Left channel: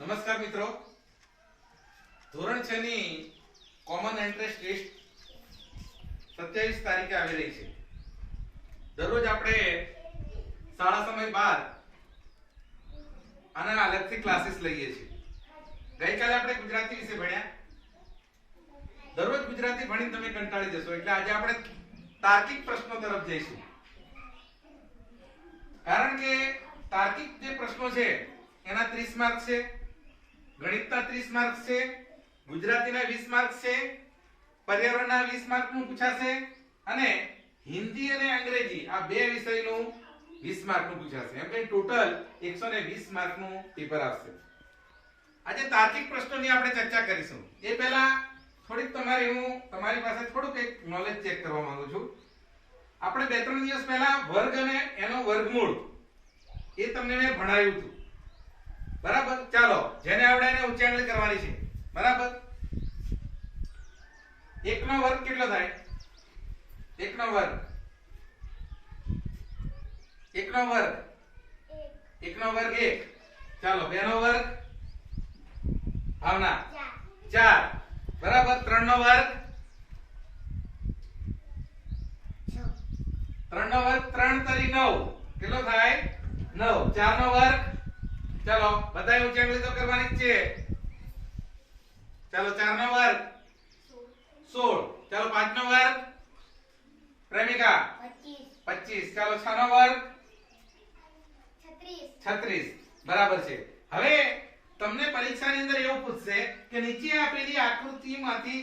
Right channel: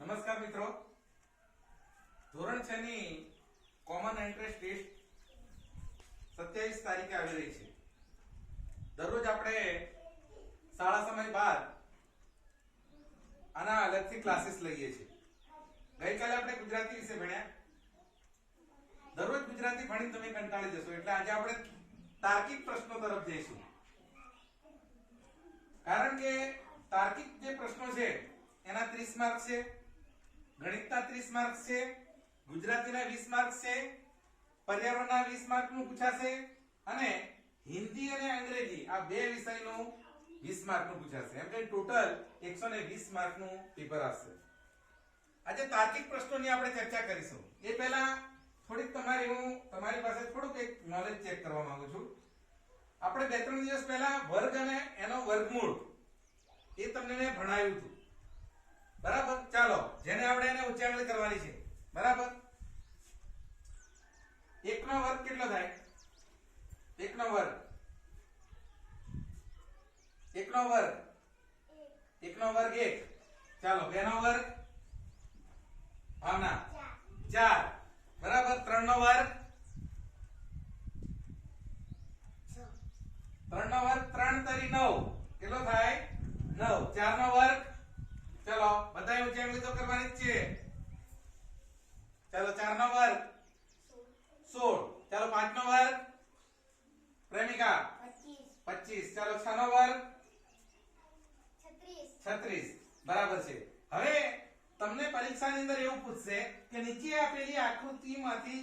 નમસ્કાર મિત્રો. ધોરણ છ ની કોમન એન્ટ્રન્સ ટેસ્ટ સત્યાવીસ તારીખે આવી રહી છે. દરરોજ આપણે શાળા સમય બાદ આના અલગથી ક્લાસીસ લઈએ છીએ. ગઈકાલે આપણે ગુજરાતી વિશે ભણ્યા. દરરોજ ગુજરાતી ભણીને તમે કંટાળી જશો. એટલે આજે આપણે તાર્કિક પ્રશ્નો તરફ જઈશું. કારણ કે તાર્કિક જે પ્રશ્નો છે, એના 30 માર્ક છે. ગણિતના 30 માર્ક છે, ગુજરાતીના 20 માર્ક છે, પર્યાવરણના 20 માર્કનું પૂછાશે અને હિન્દી અને અંગ્રેજી આ બે વિષયનું 20 માર્કનું પૂછાશે. એમ કે ટોટલ 120 માર્કનું પેપર આવશે. આજે તાર્કિક પ્રશ્નોની આપણે ચર્ચા કરીશું. એ પહેલા થોડીક તમારી હું તમારી પાસે થોડુંક એક નોલેજ ચેક કરવા માંગુ છું. આપણે બે ત્રણ દિવસ પહેલા વર્ગ અને એનો વર્ગમૂળ એ તમને મેં ભણાવ્યું હતું. બરાબર? ચાલો, જેને આવડે એને ઉચ્ચારણ કરવાની છે. બરાબર? એક નો વર્ગ કેટલો થાય? એક નો વર્ગ. એકનો વર્ગ. એકનો વર્ગ એક. ચાલો બે નો વર્ગ. ભાવના. ચાર. બરાબર? ત્રણ નો વર્ગ. ત્રણ નો વર્ગ ત્રણ તરી નવ. કેટલો થાય? નવ. ચાર નો વર્ગ. ચલો, બધાય ઉચ્ચારણ તો કરવાની જ છે. ચલો 4 નો વર્ગ. સોળ. ચાલો પાંચ નો વર્ગ. પ્રેમિકા. પચીસ. ચાલો છ નો વર્ગ. છત્રીસ. બરાબર છે. હવે તમને પરીક્ષાની અંદર એવું પૂછશે કે નીચે આપેલી આકૃતિમાંથી